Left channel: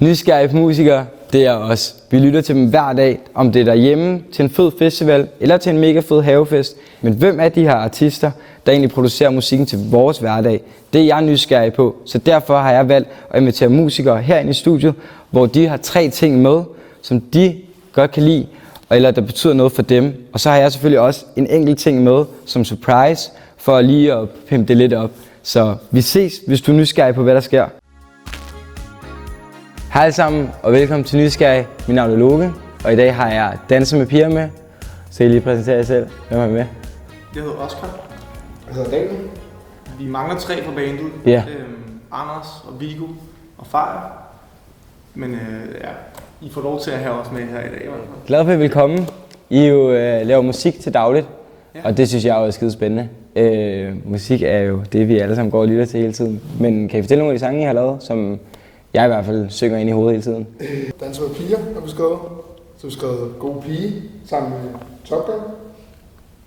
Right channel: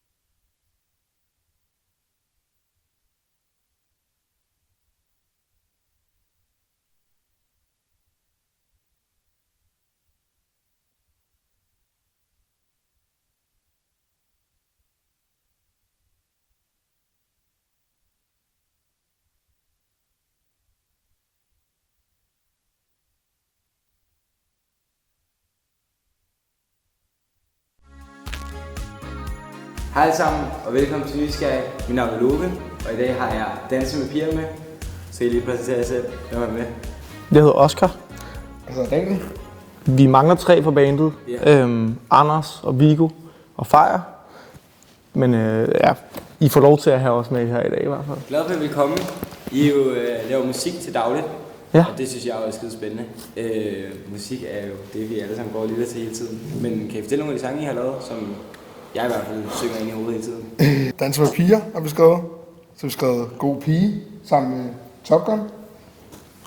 Nysgerrige musikere, det er os. Vi lytter til dem hver dag, om det er derhjemme, til en fed festival eller til en mega fed havefest. Men hvem er de her artister, der egentlig producerer musikken til vores hverdag? Det er jeg nysgerrig på, så derfor har jeg valgt at invitere musikere herind i studiet, hvor de har 3 ting med, som de godt kan lide, eller der betyder noget for dem. Og så har jeg selvfølgelig også en enkelt ting med som surprise, for lige at pimpe det lidt op. Så vi ses, hvis du er nysgerrig på, hvad der sker. Hej alle sammen, og velkommen til Nysgerrig. Mit navn er Loke, og i dag har jeg Danser med Piger med. Så I lige præsentere jer selv. Hvem er med? Jeg hedder Oscar. Jeg hedder Daniel. Vi mangler 3 på bandet. Ja. Anders og Viggo og Fejr. Men ja, I får lov til at have os med her i dag i hvert fald. Glad for, at I vil komme. I jo laver musik til dagligt, Ja. og det synes jeg er skide spændende. Musik er jo det, vi alle sammen går og lytter til hele tiden. Men kan I fortælle nogle af de sange, I har lavet, som jeg i hvert fald synger ind i hovedet hele tiden? Danser med Piger har vi skrevet. Så har vi skrevet God Pige sammen med Top Gun.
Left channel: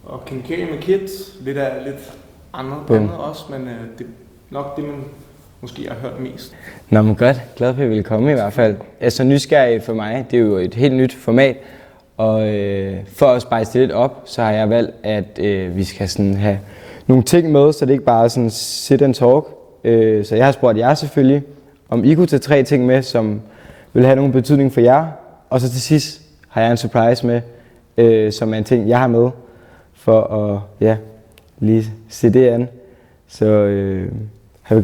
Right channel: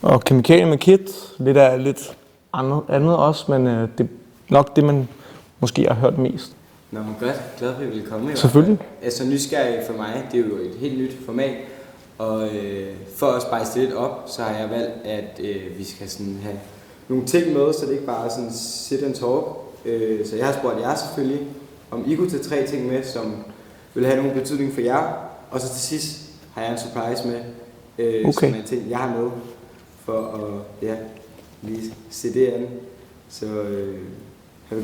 Og Kemikalier med Kids. Lidt andet også, men det er nok det, man måske har hørt mest. Nå, men godt. Glad for, at I vil komme i hvert fald. Altså nysgerrig for mig, det er jo et helt nyt format. Og for at spice det lidt op, så har jeg valgt, at vi skal sådan have nogle ting med, så det ikke bare er sådan sit and talk. Så jeg har spurgt jer selvfølgelig, om I kunne tage 3 ting med, som vil have nogen betydning for jer. Og så til sidst har jeg en surprise med, som er en ting, jeg har med, for at lige se det an. Så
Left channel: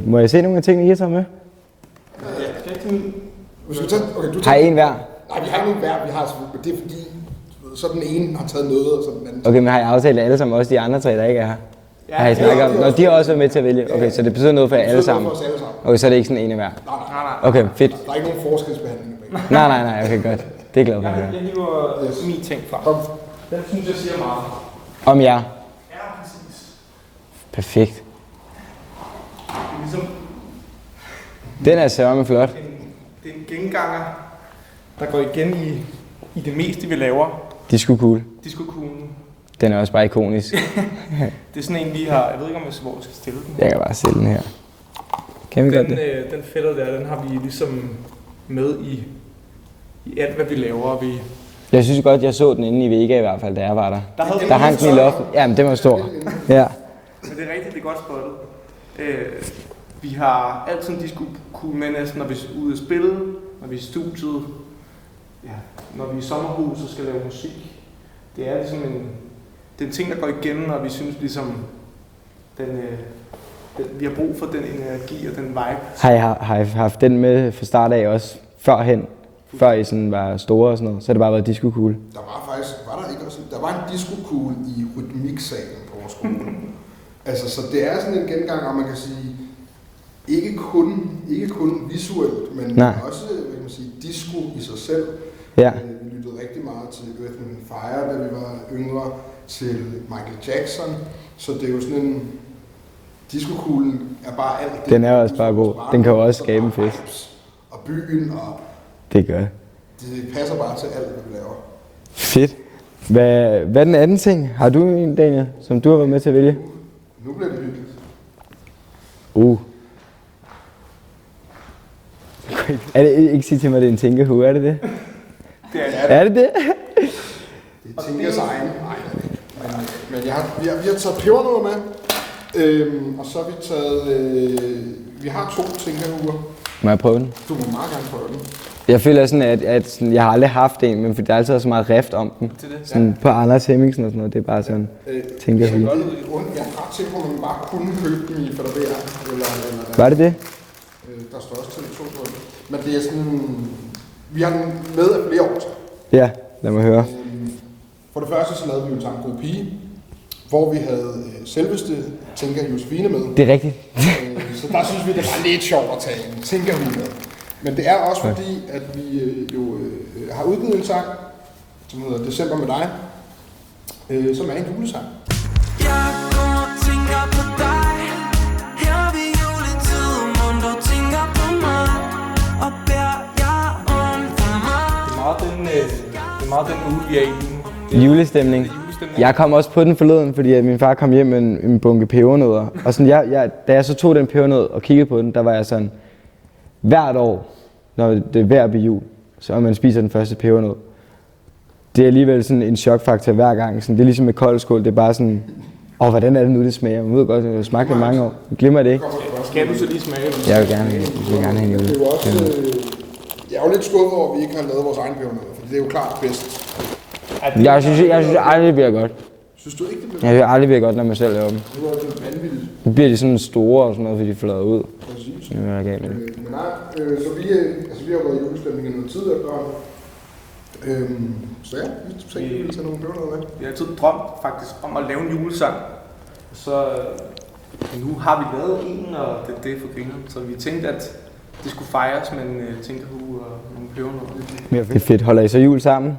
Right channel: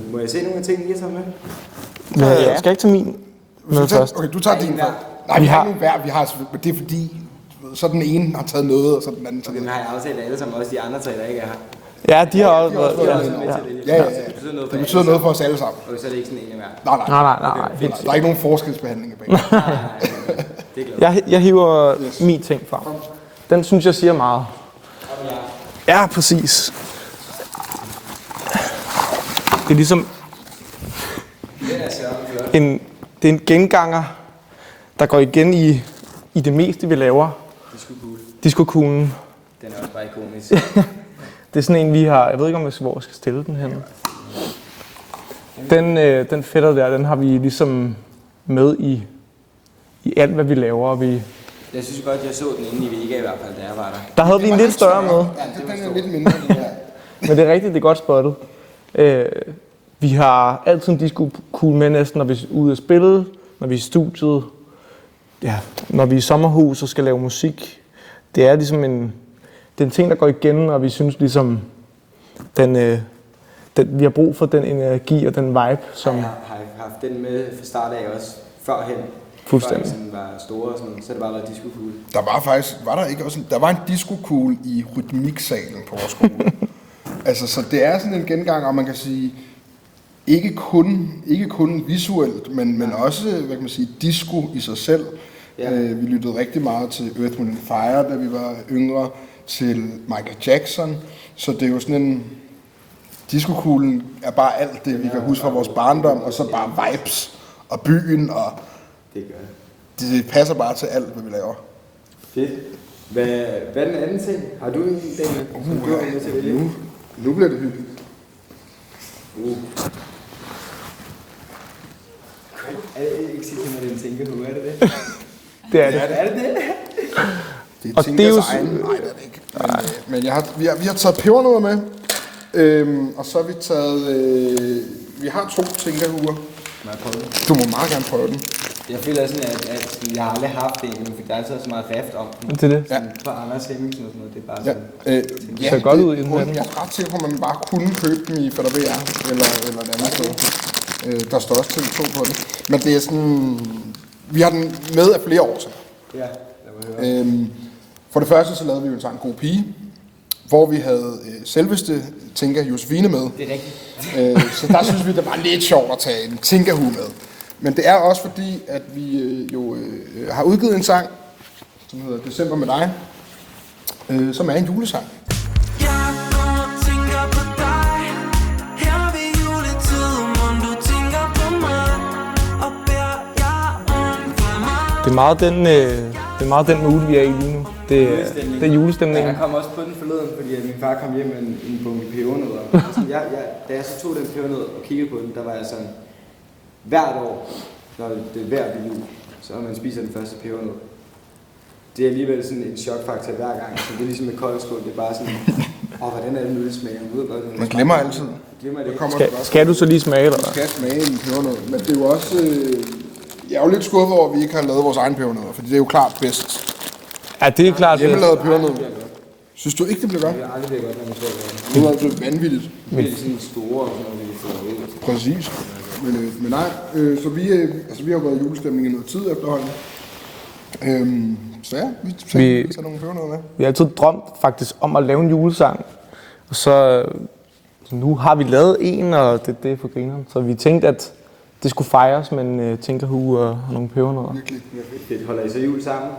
må jeg se nogle af tingene, I har taget med? Ja. Skal jeg ikke tage min med først? Okay, du Har tager I en din hver? først. Nej, vi har en hver. Vi har, det er fordi, så den ene har taget noget, og så den anden. Okay, men har I aftalt alle sammen, også de andre 3, der ikke er her? Ja, de har også været med til at vælge. Okay, så det betyder noget for jer alle noget sammen? for os alle sammen. Okay, så er det ikke sådan en af hver? Nej. Okay, fedt. Der er ikke nogen forskelsbehandling i begge. Nej, okay, godt. Det er glad for. Jeg hiver min ting fra. Den synes jeg siger meget. Om jer? Ja, præcis. Perfekt. Det er ligesom Den er sørme flot. det er en genganger, der går igen i det meste, vi laver. Disco-cool. Disco-kuglen. Den er også bare ikonisk. Det er sådan en, vi har. Jeg ved ikke, hvor jeg skal stille den her. Jeg kan bare sætte den her. Kan vi godt det? Den fætter der, den har vi ligesom med i alt, hvad vi laver. Jeg synes godt, jeg så den inde i Vega i hvert fald, da jeg var der. Der havde vi Der en lidt hang større til med. Ja, men det var stor. Ja. Men det er rigtigt, det er godt spottet. Vi har altid en disco-kugle med næsten, når vi er ude at spille, når vi er i studiet. Ja, når vi er i sommerhus og skal lave musik. Det er ligesom en ting, der går igen, og vi synes ligesom, vi har brug for den energi og den vibe. Har I haft den med fra start af også førhen? Før I sådan var store og sådan noget, så har det bare været disco-cool. Der var faktisk, der var en disco-kugle i rytmiksalen på vores skole. Altså, så det er sådan en gengang, og man kan sige, ikke kun visuelt, men også, hvad kan man sige, disco i sig selv. Ja. Vi lyttede rigtig meget til Earth, Wind & Fire, da vi var yngre, til Michael Jackson. Så det er jo sådan en... Disco-kuglen er bare alt det, Den vi er kan også huske fra bare vores god. barndom, Den kan og også så skabe bare en fest. vibes og byen, og Det gør det passer bare til alt, hvad vi laver. Fedt. Hvad er den anden ting? Har du en, Daniel, som du har været med til at vælge? Nu bliver det hyggeligt. Er det ikke sige til mig, at det er en tænkehue, er det det? Det er det. Er det det? Det er Og det er Tinkas jo egen. Nej, det er det ikke. Men vi har taget pebernødder med. Og så har vi taget... vi har 2 Tinka-huer. Må jeg prøve den? Du må meget gerne prøve den. Jeg føler sådan, at jeg har aldrig haft en, men fordi der er altid så meget rift om den. Til det. Sådan på Anders Hemmingsen og sådan noget, det er bare sådan, tænker ser jeg. godt ud i den her. Jeg er ret sikker på, at man bare kunne købe dem i FDVR. Eller Var det det? Der står også TV2 på den. Men det er sådan... Vi har den med af flere år til. Ja, lad mig høre. For det første så lavede vi jo en God Pige, hvor vi havde selveste Tinka Josefine med. Det er rigtigt. Så der synes vi, det var lidt sjovt at tage en Tinka-hue med. Men det er også fordi, at vi har udgivet en sang, som hedder December med dig, som er en julesang. Jeg går og tænker på dig. Her ved juletiden, om du tænker på mig. Og beder jeg om for mig. Det er meget den mood, vi er i lige nu. Det er Julestemning. Det er julestemning. Jeg kom også på den forleden, fordi at min far kom hjem med en bunke pebernødder. Og sådan, da jeg så tog den pebernød og kiggede på den, der var jeg sådan, hvert år, når det er ved at blive jul, så man spiser den første pebernød. Det er alligevel sådan en chokfaktor hver gang. Så det er ligesom med kold skål, det er bare sådan, hvordan er det nu, det smager? Man ved godt, at det smager på mange år. Man glemmer det ikke. Skal du så lige smage, eller? Jeg vil gerne have det er jo også, jeg er jo lidt skuffet over, at vi ikke har lavet vores egen pebernødder, for det er jo klart bedst. Ja, det er klart. Jeg synes aldrig bliver godt. Synes du ikke, det bliver godt? Jeg vil aldrig bliver godt, når man selv laver dem. Det er altså vanvittigt. Nu bliver de sådan store og sådan noget, fordi de får lavet ud. Præcis. Okay. Men nej, så vi har jo været i julestemning i noget tid efterhånden. Så ja, vi tager nogle pebernødder med. Vi har altid drømt faktisk om at lave en julesang. Og så nu har vi lavet en, og det er for grineren. Så vi tænkte, at det skulle fejres med en tænkerhue og nogle pebernødder. Det er fedt. Holder I så jul sammen?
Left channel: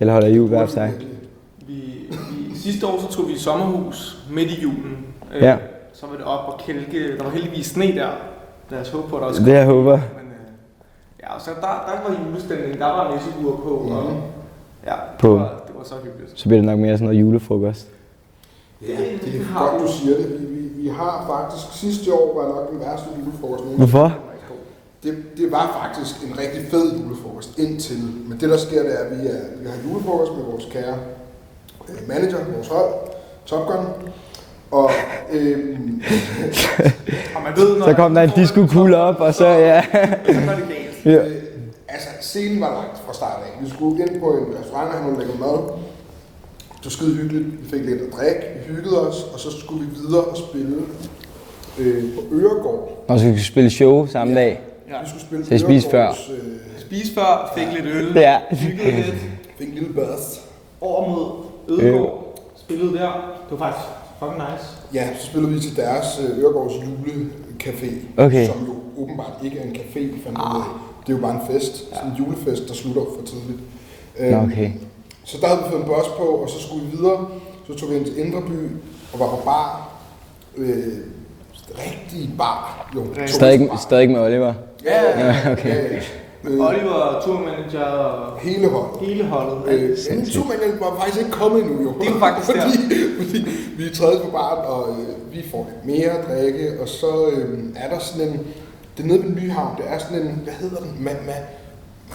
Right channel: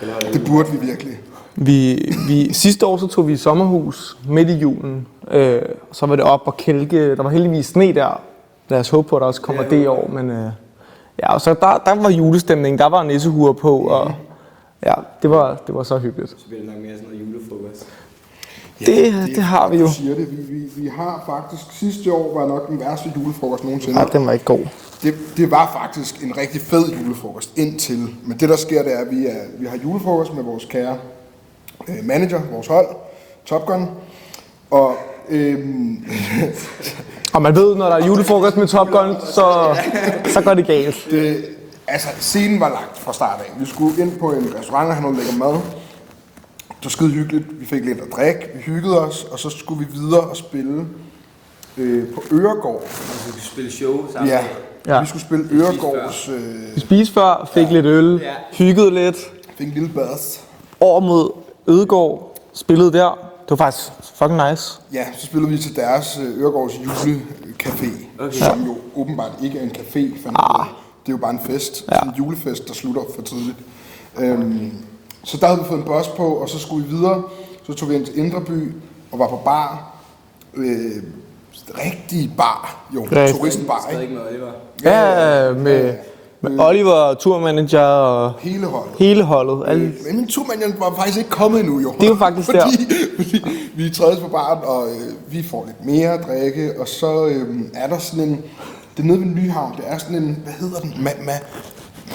Eller holder I jul Det burde hver vi for sig? virkelig. Sidste år så tog vi i sommerhus midt i julen. Ja. Så var det op og kælke. Der var heldigvis sne der. Lad os håbe på, at der også kommer Det det i håber år. Men ja, og så der var julestemning. Der var nissehuer på. Og ja, det var så hyggeligt. Så bliver det nok mere sådan noget julefrokost. Det har vi jo. Du siger det. Vi har faktisk, sidste år var nok den værste julefrokost nogensinde. Ja, den var ikke god. Det var faktisk en rigtig fed julefrokost indtil. Men det der sker, det er, at vi har julefrokost med vores kære manager, vores hold, Top Gun. Og og man ved, når der er julefrokost med Top Gun, så går det galt. Altså, scenen var lagt fra start af. Vi skulle ind på en restaurant og have noget lækker mad. Det var skide hyggeligt. Vi fik lidt at drikke, vi hyggede os, og så skulle vi videre og spille på Øregård. Og så kunne vi spille show samme dag. Ja. Vi skulle spille Så I spiste Øregårds... Vi spiste før, fik lidt øl, hyggede lidt. Fik en lille bath. Over mod Ødegård, spillede der. Det var faktisk fucking nice. Ja, så spillede vi til deres Øregårds julecafé, som jo åbenbart ikke er en café. Det er jo bare en fest, sådan en julefest, der slutter for tidligt. Okay. Så der havde vi fået en bus på, og så skulle vi videre. Så tog vi ind til Indre By og var på bar. Rigtig bar, jo. Stadig med Oliver. Ja, med Oliver, turmanager og hele holdet. Men turmanageren var faktisk ikke kommet endnu, jo. Det er jo faktisk fordi vi er trædes på baren, og vi får lidt mere at drikke, og så er der sådan en... Det er nede ved Nyhavn, det er sådan en... Hvad hedder den?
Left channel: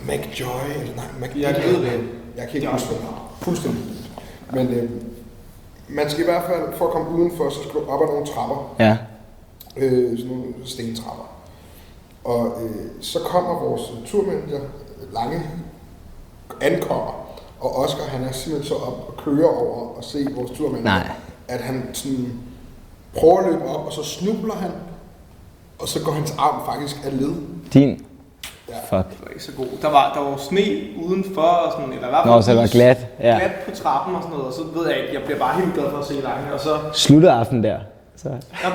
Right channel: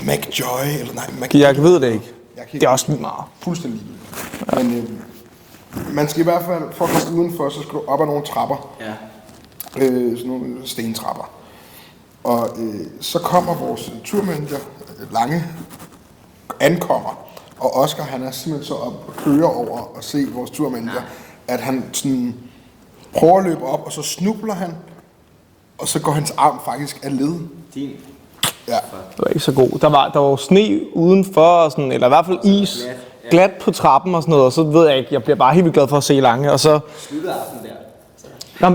McJoy? Eller nej, jeg ved det ikke. Det er også lidt meget. Fuldstændig. Men man skal i hvert fald, for at komme udenfor, så skal du op ad nogle trapper. Ja. Sådan nogle stentrapper. Og så kommer vores turmanager, Lange, ankommer. Og Oscar, han er simpelthen så op og kører over og se vores turmanager. At han sådan prøver at løbe op, og så snubler han. Og så går hans arm faktisk af led. Din? Ja. Fuck. Det var ikke så god. Der var sne udenfor, og sådan, eller i hvert fald is. Glat. Ja. Glat på trappen og sådan noget, og så ved jeg ikke, jeg bliver bare helt vildt glad for at se Lange, og så... Sluttede aften der. Så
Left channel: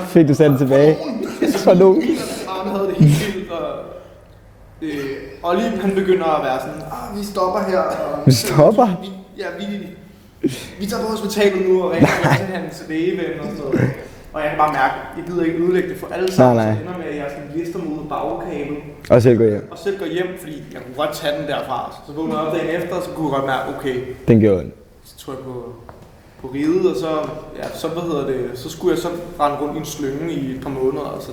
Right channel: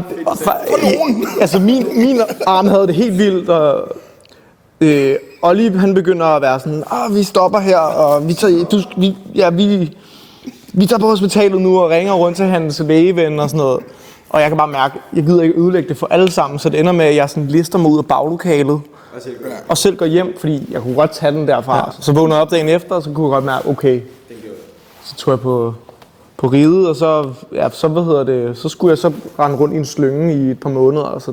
fik du sendt tilbage. Altså min arm havde det helt vildt, og Olli han begynder at være sådan, vi stopper her, og vi tager på hospitalet nu og ringer rundt til hans lægeven og sådan noget. Og jeg kan bare mærke, jeg gider ikke ødelægge det for alle sammen, så det ender med, at jeg sådan lister mig ud af baglokalet. Og selv går hjem, fordi jeg kunne godt tage den derfra. Ja. Så vågnede jeg op dagen efter, og så kunne jeg godt mærke, okay. Den gjorde det. Så tog jeg på riget, og så skulle jeg så rende rundt i en slynge i et par måneder. Og så,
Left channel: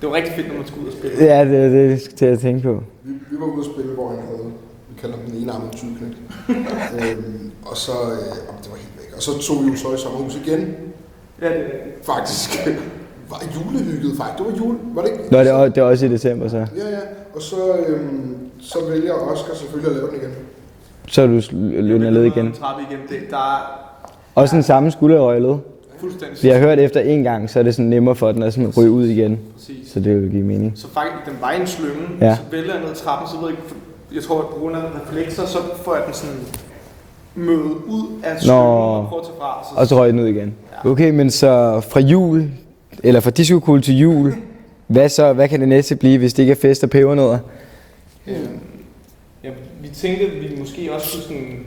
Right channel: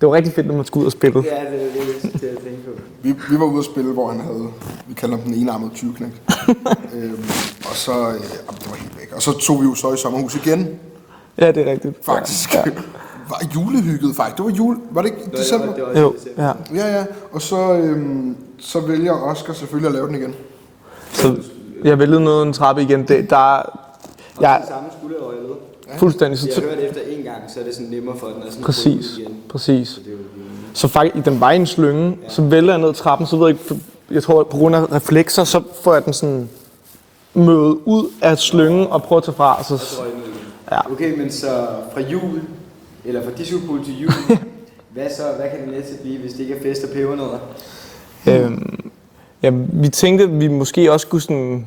det var rigtig fedt, når man skulle ud og spille. Ja, det jeg tænke på. Vi var ude at spille, hvor han havde, vi kalder ham den enarmede tyveknægt. Og så, det var helt væk. Og så tog vi jo så i sommerhus igen. Ja, det er rigtigt. Faktisk. Ja. Var julehygget faktisk. Det var var det ikke? Nå, det var også i december, så. Ja. Og så vælger Oscar selvfølgelig at lave den igen. Så jeg vælger noget en trappe igen. Også den samme skulderøjlede. Fuldstændig. Vi har hørt efter en gang, så er det sådan nemmere for den at sådan ryge ud igen. Præcis. Så det vil give mening. Så faktisk, den var i en slynge, så vælger jeg ned trappen, så ved jeg ikke, jeg tror på grund af reflekser, så får jeg den sådan mødet ud af slyngen og prøver at tage fra. Og så røg den ud igen. Ja. Okay, men så fra jul, eller fra disco-cool til jul, hvad kan det næste blive, hvis det ikke er fest og pebernødder? Vi tænkte, at vi måske også skulle sådan...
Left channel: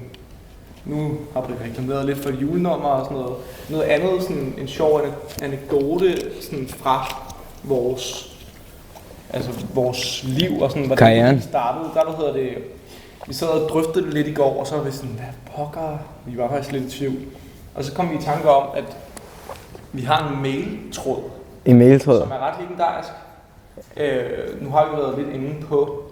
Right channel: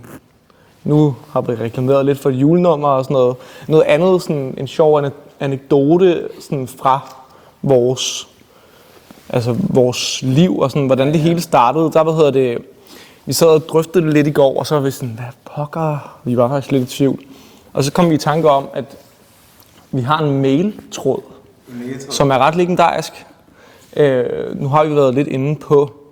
Nu har vi reklameret lidt for julenummer og sådan noget. Noget andet, sådan en sjov anekdote sådan fra vores liv og sådan, hvordan det hele startede. Vi sad og drøftede det lidt i går, og så var vi sådan, hvad pokker? Vi var faktisk lidt i tvivl. Og så kom vi i tanke om, at vi har en mailtråd. Som er ret legendarisk. Nu har vi været lidt inde på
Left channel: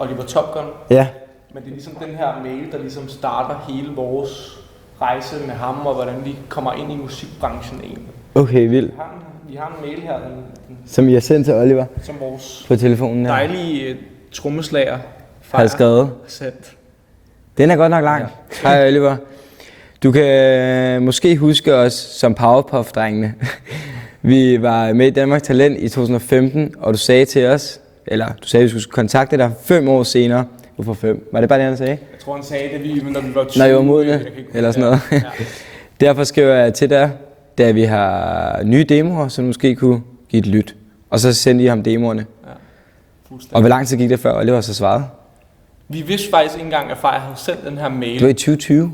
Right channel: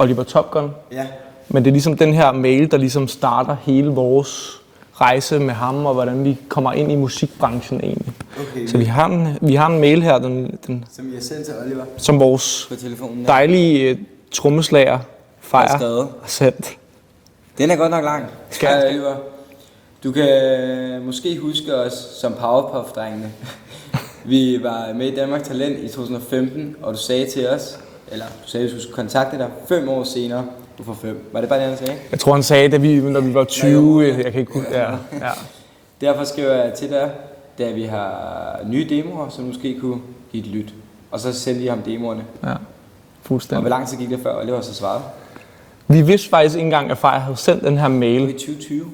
Oliver Top Gun. Ja. Men det er ligesom den her mail, der ligesom starter hele vores rejse med ham, og hvordan vi kommer ind i musikbranchen egentlig. Okay, Så vi har en mail her, den, som I har sendt til Oliver som vores på telefonen. dejlige trommeslager har Fejr skrevet. har sendt. Den er godt nok lang. Ja. Hej Oliver. Du kan måske huske os som Powerpuff-drengene. Vi var med i Danmark Talent i 2015, og du sagde til os, eller du sagde, at vi skulle kontakte dig 5 år senere. Hvorfor 5? Var det bare det, han sagde? Jeg tror, han sagde det, når vi var 20. Nej, jo, jeg kan ikke eller sådan noget. Ja. Derfor skriver jeg til dig, da vi har nye demoer, som måske kunne give et lyt. Og så sendte I ham demoerne. Ja, fuldstændig. Og hvor lang tid gik det før Oliver så svarede? Vi vidste faktisk ikke engang, at Fejr havde sendt den her mail. Det var i 2020.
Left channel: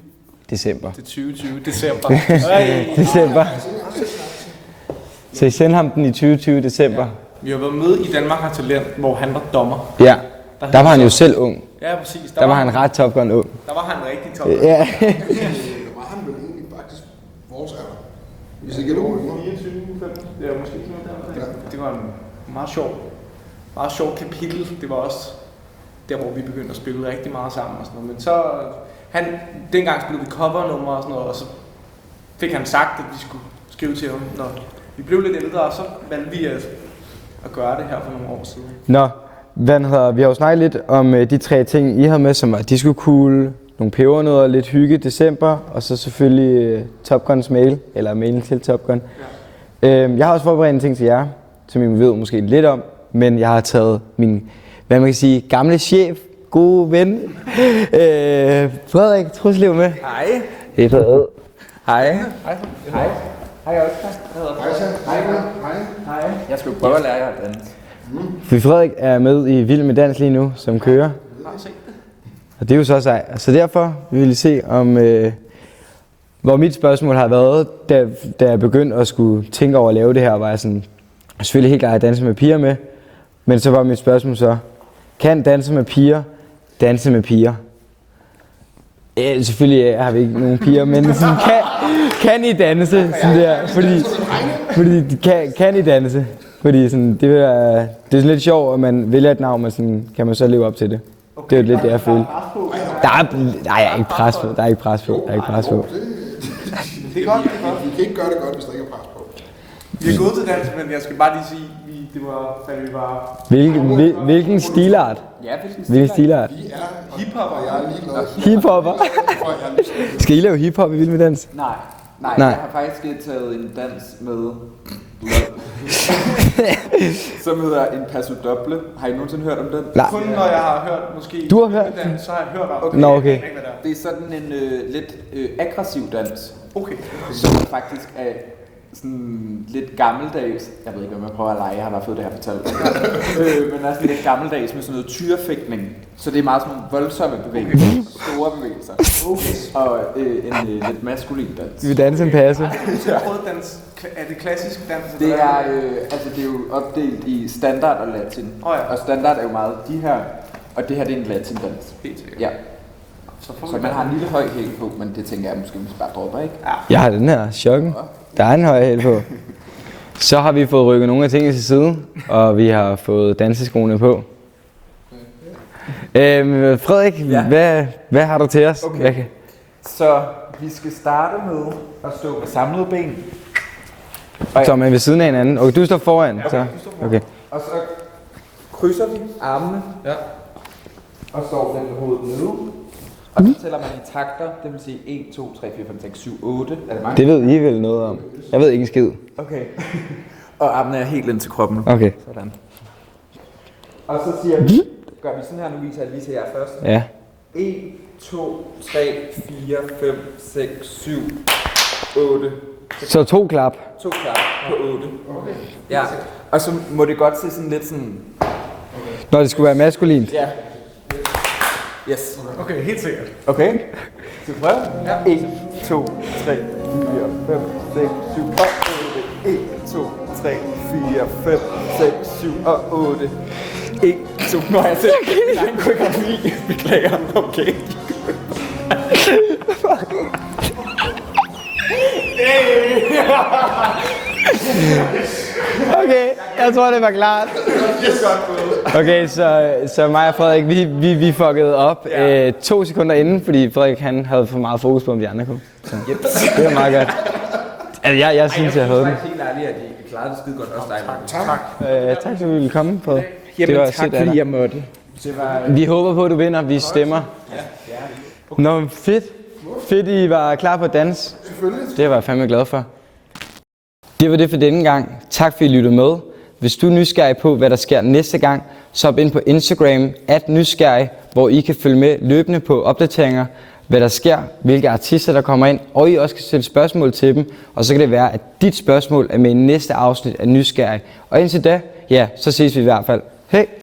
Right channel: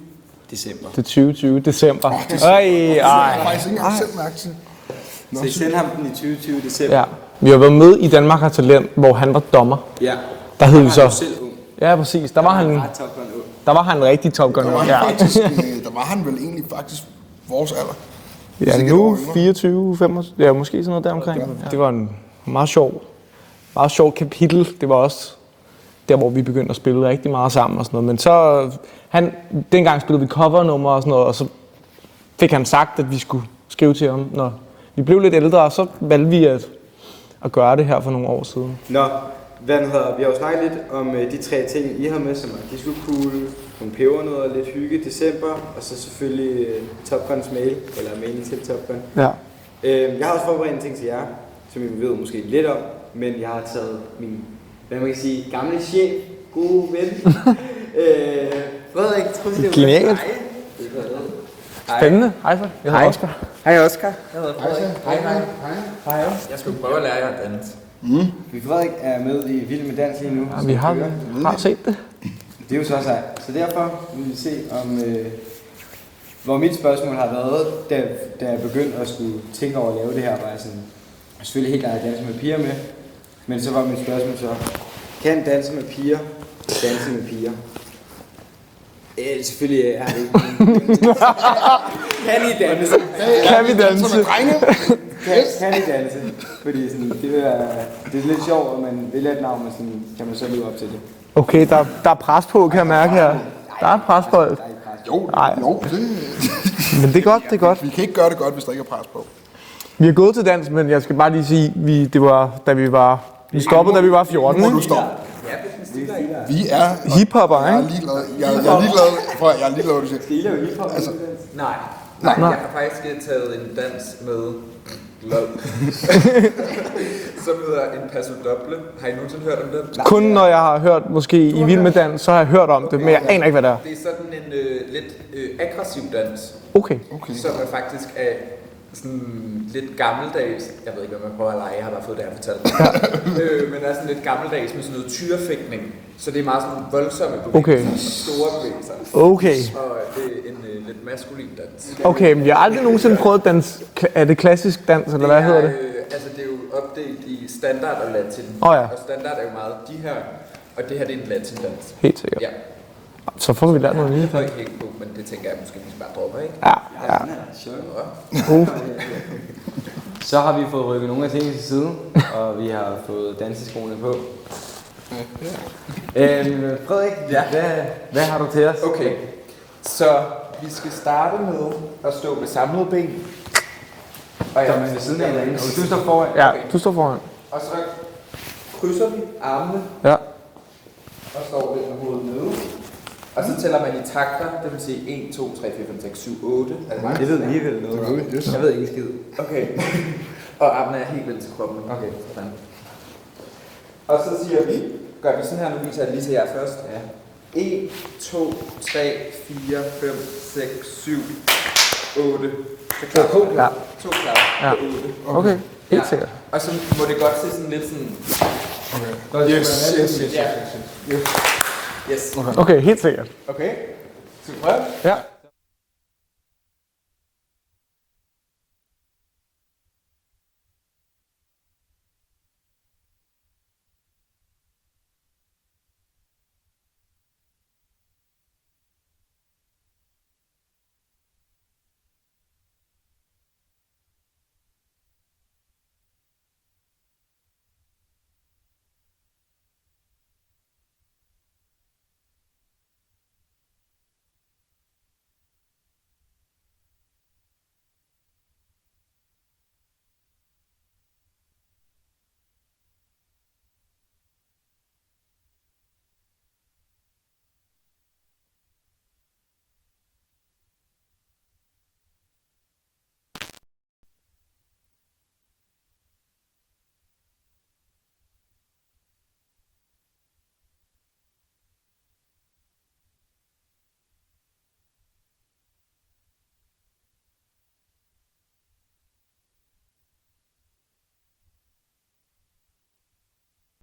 December. Det er 2020 december. December. Jeg har faktisk ikke engang selv mærke til. Så I sendte ham den i 2020 december? Ja. Vi har været med i Danmark har Talent, hvor han var dommer. Ja. Der var han så jo selv ung. Ja, præcis. Der var han ret Top Gun ung. Der var han rigtig Top Gun. Ja. Der var han vel egentlig faktisk vores alder. Ja, nu 24, 25, ja, måske sådan noget deromkring. Ja. Det var en meget sjov kapitel. Det var også der, hvor vi begyndte at spille rigtig meget sammen og sådan noget. Men så, dengang spillede vi covernumre og sådan noget, og så fik han sagt, at vi skulle skrive til ham, når vi blev lidt ældre, og så valgte vi at gøre det her for nogle år siden. Nå, vi har jo snakket lidt om de 3 ting, I havde med, som var disco cool, nogle pebernødder, lidt hygge, december, og så selvfølgelig Top Guns mail, eller mailen til Top Gun. Ja. Jeg har også forberedt en ting til jer, som I ved måske lidt om, men jeg har taget min, hvad man kan sige, gamle chef, gode ven, Frederik Truslev med. Hej. Det er Frederik. Spændende. Hej så. Jeg hedder Oscar. Hej Oscar. Hej. Jeg skulle prøve at lære jer at danse. For Frederik er med i Vild med Dans lige nu, som kører. Har set det. Og det er jo så sej. Så derfor vil vi se om, hvor mit spørgsmål har været, da jeg begyndte at skulle tænke over at lave det her, var jeg sådan, selvfølgelig helt klart at danse med piger med, men så var mit spørgsmål så, kan danse med piger danse med piger? Ja, selvfølgelig har vi ikke nogen piger, men sådan, kan I danse? Sådan der, Kan vi danse? Fordi, kan I danse? Fordi sådan, det er lidt sjovt, at man vælger et navn, men sådan, kan man så leve op til det. Okay, det der jeg er føler. pres på, kan jeg mærke. Der er ikke pres på. Men det er godt, det er godt. Vi kan ikke gøre det godt, hvis der ikke er pres på. Vi er gået til dans, men jeg skal bare lige sige, det var, da vi var stoppet, da vi var 14. Hvilken stilart? Hvilken stilart? Vi er Hiphopper, Jeg er ikke? ligeglad. Skal I lave hiphop i Vild med Dans? Nej. Jeg har faktisk taget en dans med, som hedder en passo doble. Har I nogensinde hørt om den? Kun når jeg har hørt, måske i Vild med Dans, så har jeg hørt om det, men jeg aner ikke, hvad det er. Det er sådan en lidt aggressiv dans, Okay. som faktisk er sådan lidt gammeldags. Jeg ved ikke, hvad man prøver at lege. Jeg har bare fået det her fortalt. Men er sådan lidt gammeldags med sådan noget tyrefægtning. Så det er meget sådan voldsomme bevægelser. Okay. Store bevægelser. Okay. Og det er en lidt maskulin dans. Okay, men jeg har aldrig nogensinde prøvet at danse. Er det klassisk dans, eller hvad hedder det? Altså det er jo opdelt i standard og latin. Ja. Og standard er jo meget de her, og det her det er en latin-dans. Helt sikkert. Ja. Så får vi Så der man har en nogle lille høj hæl på, men det tænker jeg måske, hvis bare dropper, ikke? Ja. Jeg har den her chokken. Der er en høj hæl på. Så har vi fået rykket nogle af tingene til side, og vi har fået danseskoene på. Frederik, hvad har du til os? Okay. Så vi skal starte med at stå med samlede ben. Så er man ved siden af hinanden, og du står foran. Ja, så. du står foran. Okay. Og så krydser vi armene Ja. og står lidt med hovedet nede. Og så tæller man i takter, det vil sige 1, 2, 3, 4, 5, 6, 7, 8. Er det mange? Det ved I vel noget om. Jeg ved ikke en skid. Okay. Og armene er helt ind til kroppen. Okay. Sådan. Og så siger vi, gør vi sådan her, nu viser jeg lige til jer først. Ja. 1, 2, 3, 4, 5, 6, 7, 8. Så 2 klap. 2 klap på 8. Okay, Ja. helt sikkert. Og så må det godt se sådan lidt sådan... Når det skulle være maskulint. Ja. Yes. Okay, helt sikkert. Okay. Så prøv. Ja. 1, 2, 3, 4, 5, 6, 7 og 8. 1, 2, 3, 4, 5, 6, 7 og 8. 1, 2, nu har jeg selv min egen koreografi. Beklager. Okay. Okay, jeg tror, det var klart. Okay, så mig og Frederik, vi fuckede op 2 sekunder inden, fordi Frederik han havde for meget fokus på, om de andre kunne. Så det var meget godt. Altså, jeg synes, jeg havde den. Jeg er helt ærlig, at I klarede det skide godt også dig. Tak. Tak, fordi du ville komme på. Jamen var tak, sødt af fordi dig. jeg måtte. Vi håber på, at du vinder. Vi stemmer. Nå, fedt. Fedt, I var klar på at danse. Selvfølgelig. Det var jeg fandme glad for. Det var det for denne gang. Tak fordi I lyttede med. Hvis du er nysgerrig på, hvad der sker næste gang, så hop ind på Instagram @nysgerrig, hvor I kan følge med løbende på opdateringer, hvad der sker, hvilke artister der kommer ind, og I også kan stille spørgsmål til dem. Og så kan det være, at dit spørgsmål er med i næste afsnit af Nysgerrig. Og indtil da, ja, så ses vi i hvert fald. Hej!